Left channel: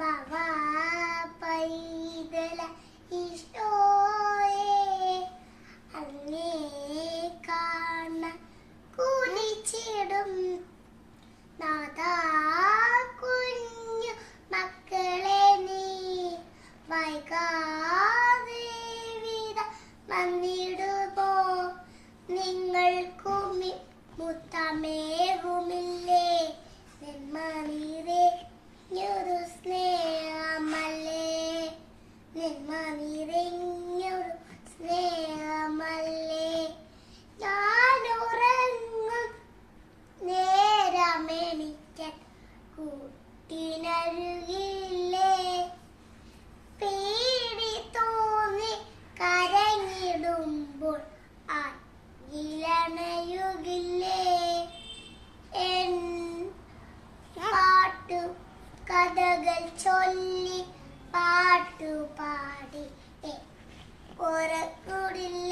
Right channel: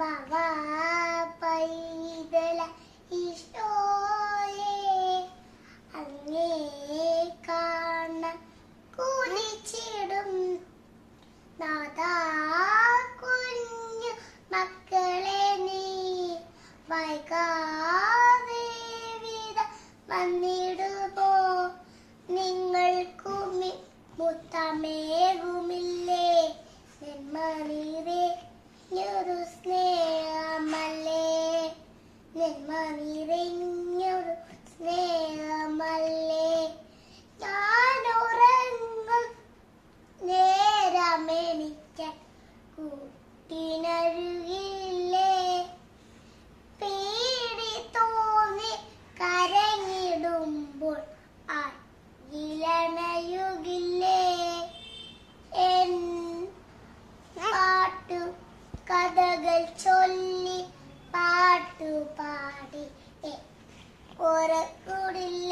വാവാ പൈതല ഈശോയേ അങ്ങേ കാണാൻ കുനിച്ചിടും നാഥാ കുഞ്ഞു മക്കളെ നീ വൈകാതെ വിധ വന്നിടുമോ നിങ്ങൾക്കും മുത്തമേകുമില്ലേ നെന്മനിറഞ്ഞൊരു സ്നേഹമല്ലേ നെന്മനിറഞ്ഞൊരു സ്നേഹമല്ലേ ഞാനുറങ്ങും നേരമെനിക്കാൻ കൂട്ടിനരുകില്ലേ പേടി തോന്നി കരഞ്ഞിടുമ്പോൾ ഇളണയുകില്ലേ എൻ പാട്ടു കഥകൾ ചൊല്ലി പാട്ടുപാടി ഉറക്കൂടില്ല